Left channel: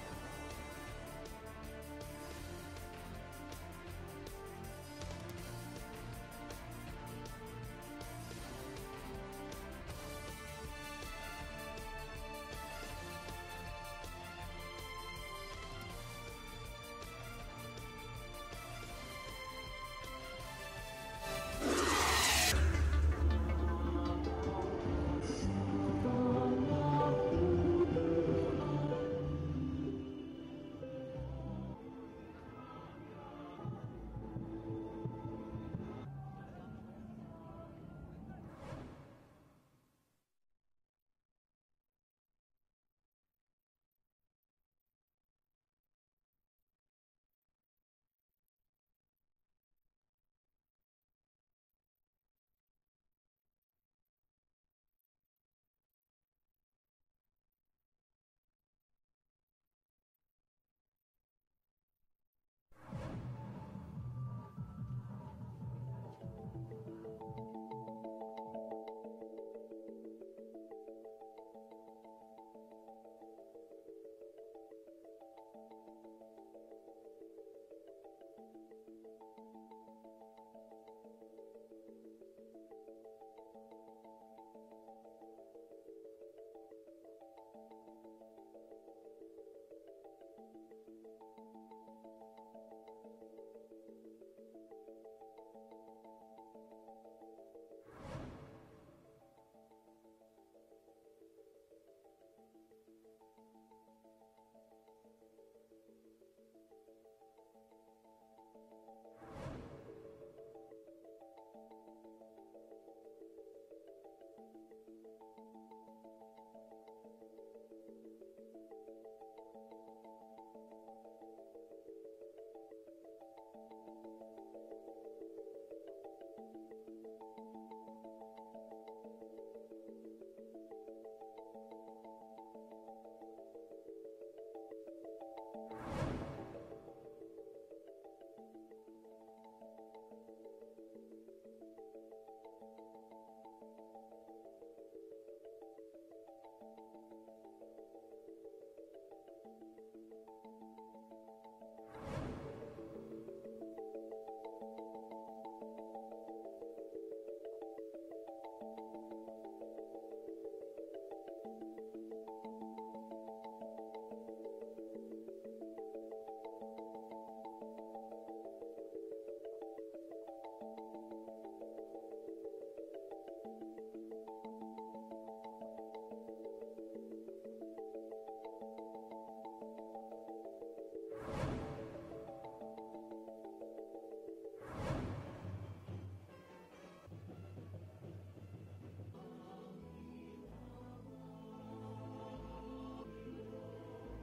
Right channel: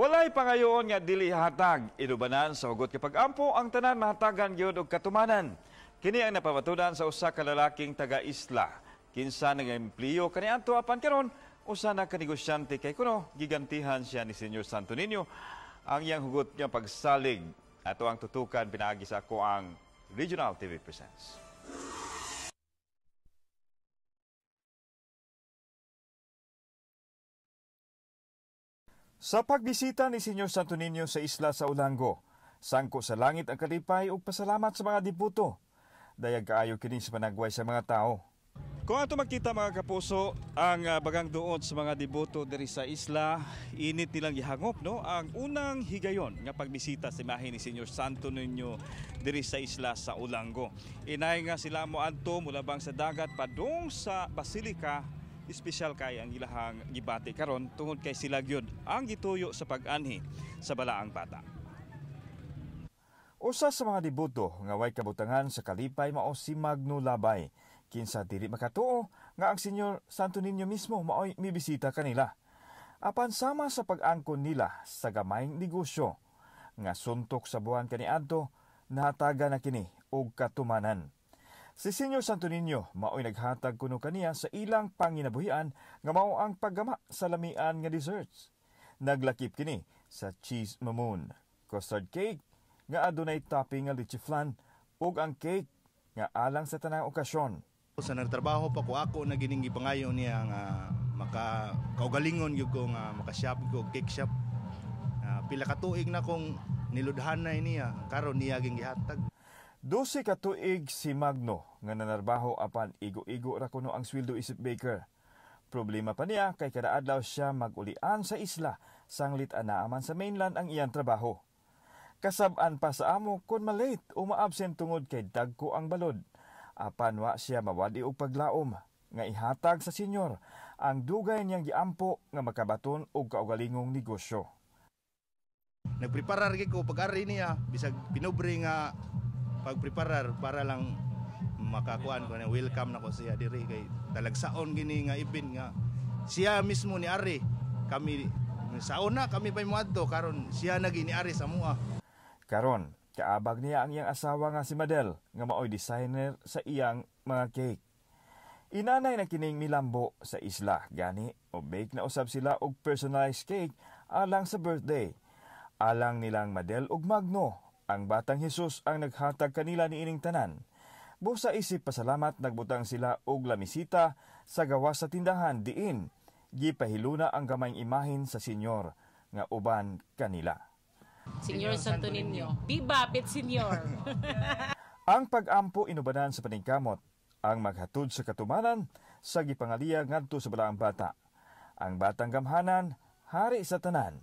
Walay pangayoon nga dili hatag, inubanan sa hugot kapag ampo ang tanan mahatagan gyud og katumanan. Kini ang napamatudan sa usa ka lalaking taga-isla. Kinsa nag-empleo kaniadto apan karon usa na ka negosyante kay kuno gigantihan siya ni Senyor Santo Niño. Ang iyang hugot niya pagsalig ato ang tutukan pinaagi sa ako ang Regional TV Presents. Sa pagbisita ni Senyor Santo Niño sa isla sa Ulango, sangko sa langit ang kalipay ug pasalamat sa mga diputo. Dayag kaayo kini sa managway sa mga tao. Kung ato makita mga kapuso, ang bagang duot sa mga diboto diri sa isla, init nilang gihangop no ang unang higayon nga pagbisita sa imahe ni Senyor Santo Niño diri sa isla sa Ulango. Inay nga sila mo adto mulabang sa dagat padung sa Basilica. Espesyal kay ang ilahang gibati karon tungod kay sila gyud ang gituyo sa pag-anhi sa balaang bata. Usa sa mga diboto nga way kabutangan sa kalipay mao si Magno Labay. Kinsa dili makatuo nga ang Senyor Santo Niño mismo maoy mibisita kanila. Apan sama sa pag-angkon nila sa gamayng negosyo nga suntok sa buwan kaniadto, nahataga na kini og katumanan. Si Senyor Santo Niño maoy naghatag kuno kaniya sa ilang panginabuhian nga mao ang paggama sa lamian nga desserts. Naglakip kini sa cheese mamoon, custard cake nga adunay topping nga leche flan ug ang cake nga alang sa tanang okasyon. Sa nagtrabaho pa ko ako na gining gipangayo niya nga kaugalingon gyud ko nga maka-shop ko cake shop. Pila ka tuig na kong niludhanay niya karon niya ging gihatag. 12 ka tuig si Magno nga nanarbaho apan igo-igo ra kuno ang sweldo isip baker. Problema pa niya kay kada adlaw siya mag-ulian sa isla sanglit anaaman sa mainland ang iyang trabaho. Kasab-an pa sa amo kun malate o ma-absent tungod kay dagko ang balod. Apan wa siya mawadi og paglaom nga ihatag sa senyor ang dugay niyang giampo nga makabaton og kaugalingong negosyo. Nagpreparar gyud ko pag-ari niya bisag pinobre nga pagpreparar para lang makakuan ko na welcome na ko siya diri kay talagsaon gini nga event nga siya mismo ni ari kami sa una kami pa moadto karon siya nagi ni ari sa mua. Karon kaabag niya ang iyang asawa nga si Madel nga maoy designer sa iyang mga cake. Inanay na kining milambo sa isla gani o bake na usab sila og personalized cake alang sa birthday. Alang nilang Madel ug Magno, ang batang Jesus ang naghatag kanila ni ining tanan. Busa isip pasalamat nagbutang sila og lamisita sa gawas sa tindahan diin gipahiluna ang gamayng imahin sa Senyor nga uban kanila. Senyor Santo Niño, bibapit Senyor. Ang pag-ampo inubanan sa paningkamot, ang maghatod sa katumanan sa gipangaliya ngadto sa balaang bata. Ang batang gamhanan, hari sa tanan.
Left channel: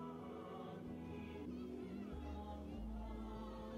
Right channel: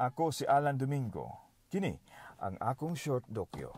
Ako si Alan Domingo. Kini ang akong short dokyo.